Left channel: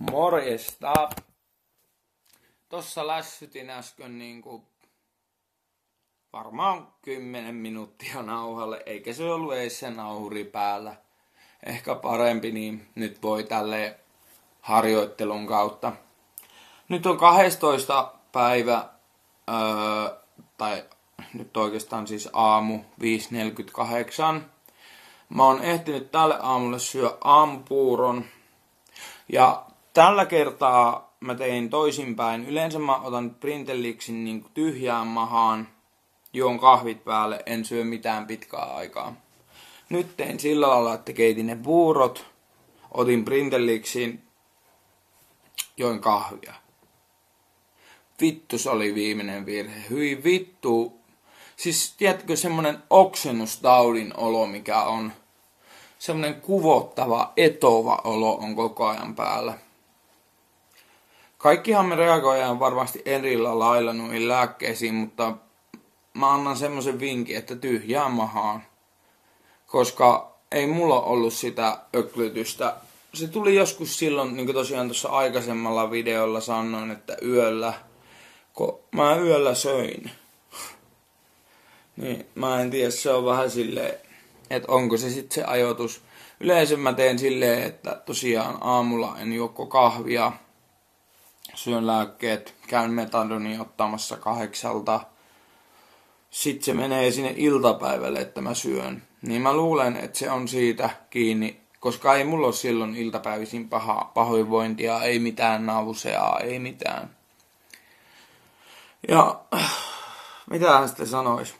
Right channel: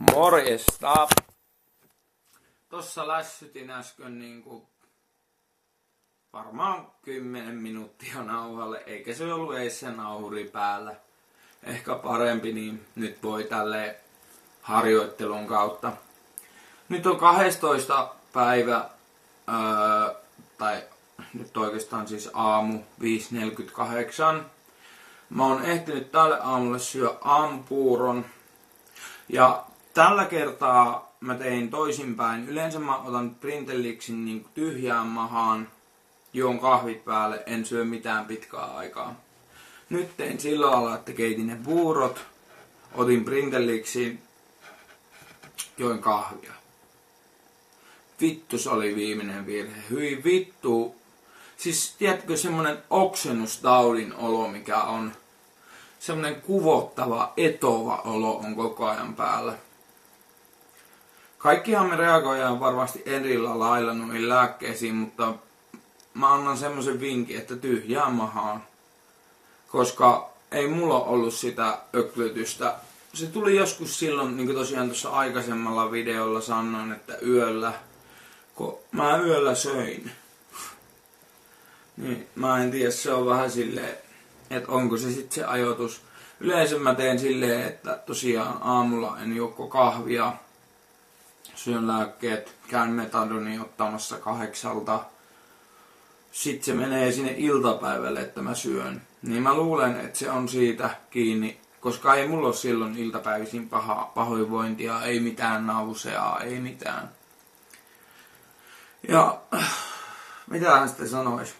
Morjesta. Tossa lässytin äsken varmaan 10 minuuttia nauhalle, eikä se ollut edes se nauhuri päällä. Ehkä parempi, niin nyt voi tälleen harjoittelun kautta. Nyt on 12. päivä, tai nyt oikeastaan siis aamu 5.48. Mä oon ehtinyt tälle aamulle syö aamupuuron. Ja tällä kertaa mä tein toisinpäin. Yleensä mä otan Brintellixin tyhjään mahaan, juon kahvit päälle, en syö mitään pitkää aikaa. Nyt tein sillä lailla, että keitin ne puurot, otin Brintellixin, join kahvia. Vittu, se oli viimeinen virhe. Hyi vittu. Siis tiedätkö semmonen oksennustaudin olo, mikä on semmonen kuvottava, etova olo on koko ajan päällä. Kaikkihan me reagoidaan varmasti erillä lailla noihin lääkkeisiin, mutta mä annan semmosen vinkin, että tyhjään mahaan. Koska ei mulla ollut sitä öklytystä. Se tuli joskus silloin, niin kuin tosiaan tuossa aikaisemmalla videolla sanoin, että yöllä, kun mä yöllä söin. Niin, mä en tiedä, se on vähän silleen, että onko se sitten se ajoitus. Yleensä mä teen silleen, että tosiaan aamulla en juokko kahvia, syön lääkkeet, käyn metadonia ottamassa 8. Sitten se menee sinne iltapäivälle, että mä syön. Niin mä luulen, että se on siitä kiinni, koska ei mulla ole silloin iltapäivisin pahoinvointia, ei mitään nauseaa, ei mitään. Ja mitähän sitten sanois?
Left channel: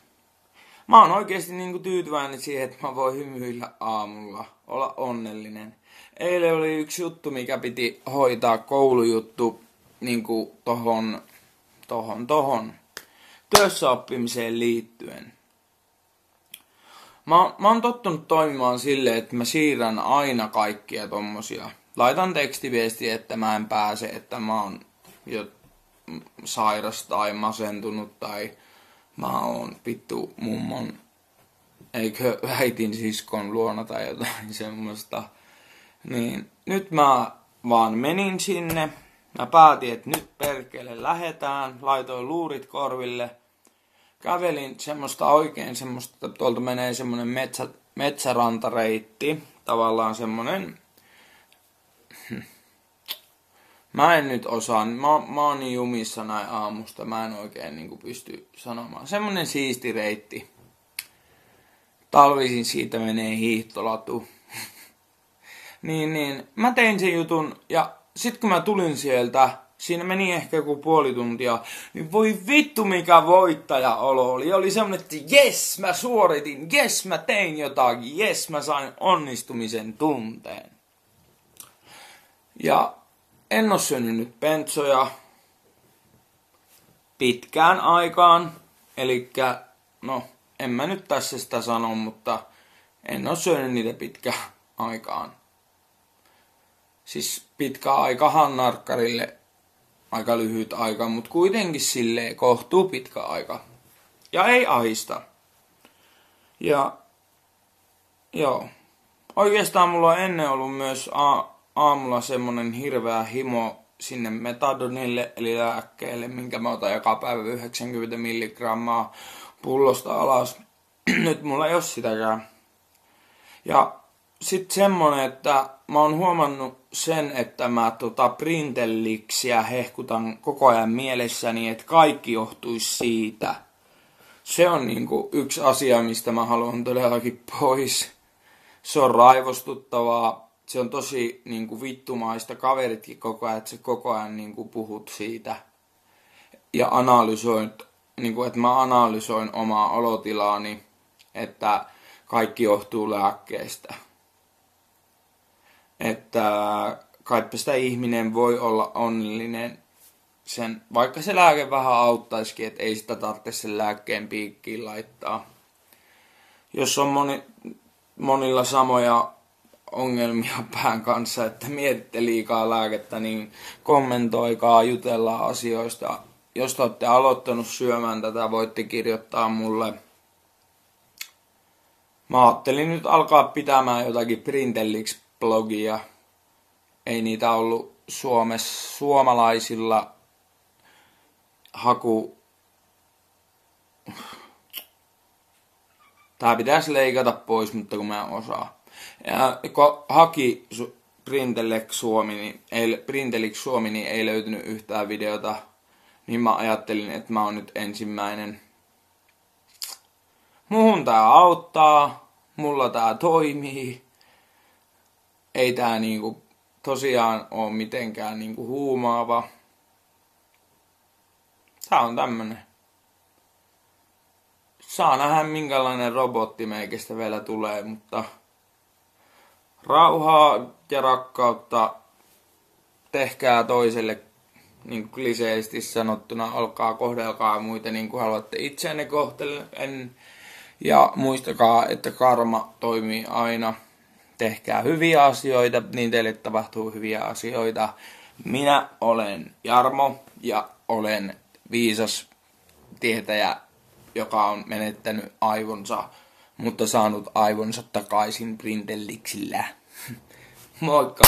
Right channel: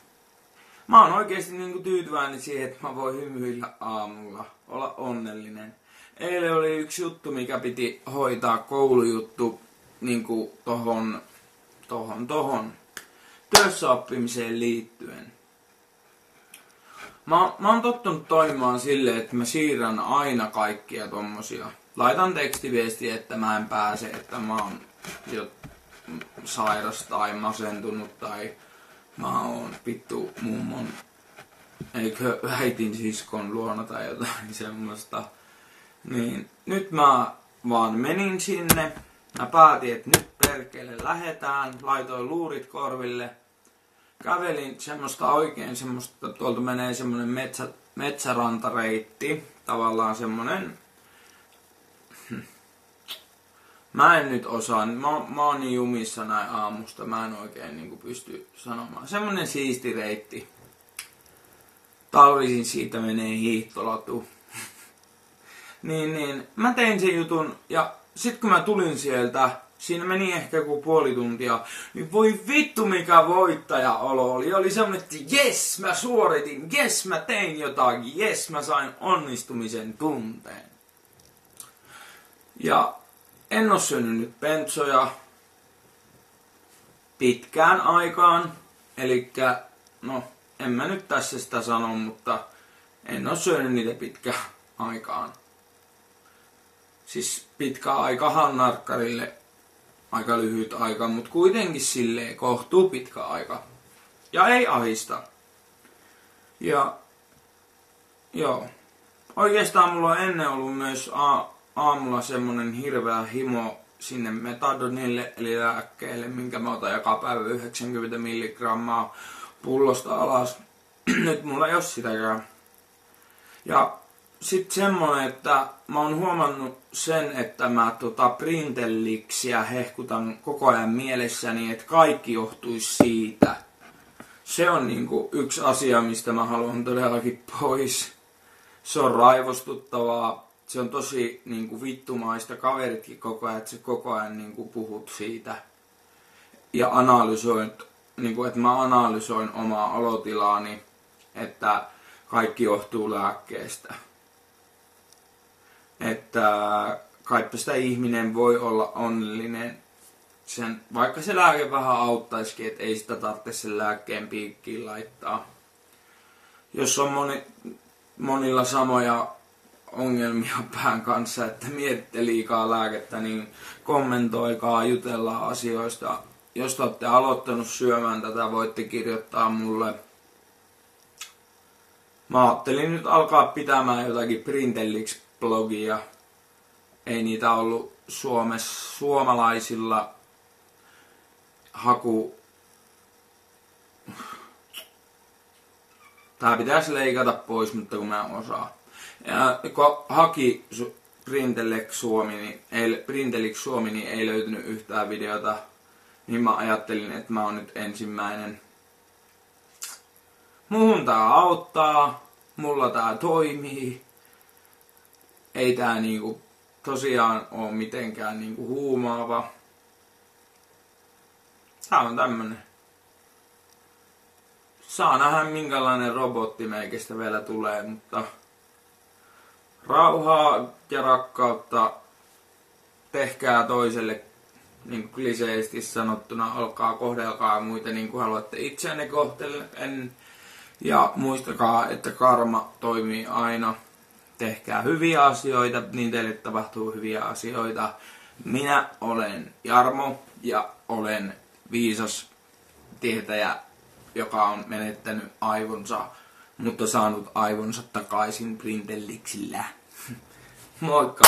Mä oon oikeesti tyytyväinen siihen, että mä voin hymyillä aamulla, olla onnellinen. Eilen oli yksi juttu, mikä piti hoitaa, koulujuttu, tohon työssäoppimiseen liittyen. Mä oon tottunut toimimaan silleen, että mä siirrän aina kaikkia tommosia. Laitan tekstiviestiä, että mä en pääse, että mä oon jo sairas tai masentunut tai mä oon vittu mummon, eikö äitin siskon luona tai jotain semmoista. Niin nyt mä vaan menin sinne. Mä päätin, että nyt perkele lähetään. Laitoin luurit korville. Kävelin semmoista, tuolta menee semmonen metsärantareitti. Tavallaan semmonen. Mä en nyt osaa. Mä oon niin jumissa näin aamusta. Mä en oikein pysty sanomaan. Semmonen siisti reitti. Talvisin siitä menee hiihtolatu. niin. Mä tein sen jutun. Ja sit kun mä tulin sieltä. Siinä meni ehkä joku puoli tuntia. Niin voi vittu mikä voittaja-olo oli. Oli semmonen, että jes mä suoritin. Jes mä tein jotakin. Jes mä sain onnistumisen tunteen. Ja en oo syönyt nyt pentsoja pitkään aikaan. Elikkä, no, en mä nyt tässä sitä sano, mutta en oo syönyt niitä pitkään aikaan. Siis pitkä aikahan narkkarille aika lyhyt aika, mutta kuitenkin silleen kohtuu pitkä aika. Ja ei ahista. Ja, joo. Oikeastaan mulla on ennen ollut myös aamulla semmonen hirveä himo sinne metadonille, eli lääkkeelle, minkä mä otan joka päivä 90 milligrammaa pullosta alas. Nyt mulla ei oo sitäkään. Ja sit semmonen, että mä oon huomannut sen, että mä Brintellixiä hehkutan koko ajan mielessäni, että kaikki johtuisi siitä. Se on yksi asia, mistä mä haluan todellakin pois. Se on raivostuttavaa. Se on tosi vittumaista. Kaveritkin koko ajan, että sä koko ajan puhut siitä. Ja analysoit, että mä analysoin omaa olotilaani, että kaikki johtuu lääkkeestä. Että kaipa sitä ihminen voi olla onnellinen, vaikka se lääke vähän auttaisikin, että ei sitä tarvitse sen lääkkeen piikkiin laittaa. Jos on monilla samoja ongelmia pään kanssa, että mietitte liikaa lääkettä, niin kommentoikaa, jutellaan asioista. Jos te olette aloittanut syömään tätä, voitte kirjoittaa mulle. Mä ajattelin nyt alkaa pitämään jotakin Brintellix-blogia. Ei niitä ollut suomalaisilla tää pitäisi leikata pois, mutta kun mä en osaa. Ja kun haki Printelix Suomi, niin ei löytynyt yhtään videota. Niin mä ajattelin, että mä oon nyt ensimmäinen. Muhun tää auttaa. Mulla tää toimii. Ei tää niinku tosiaan oo mitenkään niinku huumaava. Tää on tämmönen. Saa nähdä minkälainen robotti meikestä vielä tulee, mutta rauhaa ja rakkautta tehkää toiselle, niin kuin kliseisesti sanottuna, kohdelkaa muita niin kuin haluatte itseänne kohtelen. Ja muistakaa, että karma toimii aina. Tehkää hyviä asioita, niin teille tapahtuu hyviä asioita. Minä olen Jarmo ja olen viisas tietäjä, joka on menettänyt aivonsa, mutta saanut aivonsa takaisin Printelixillä. Moikka!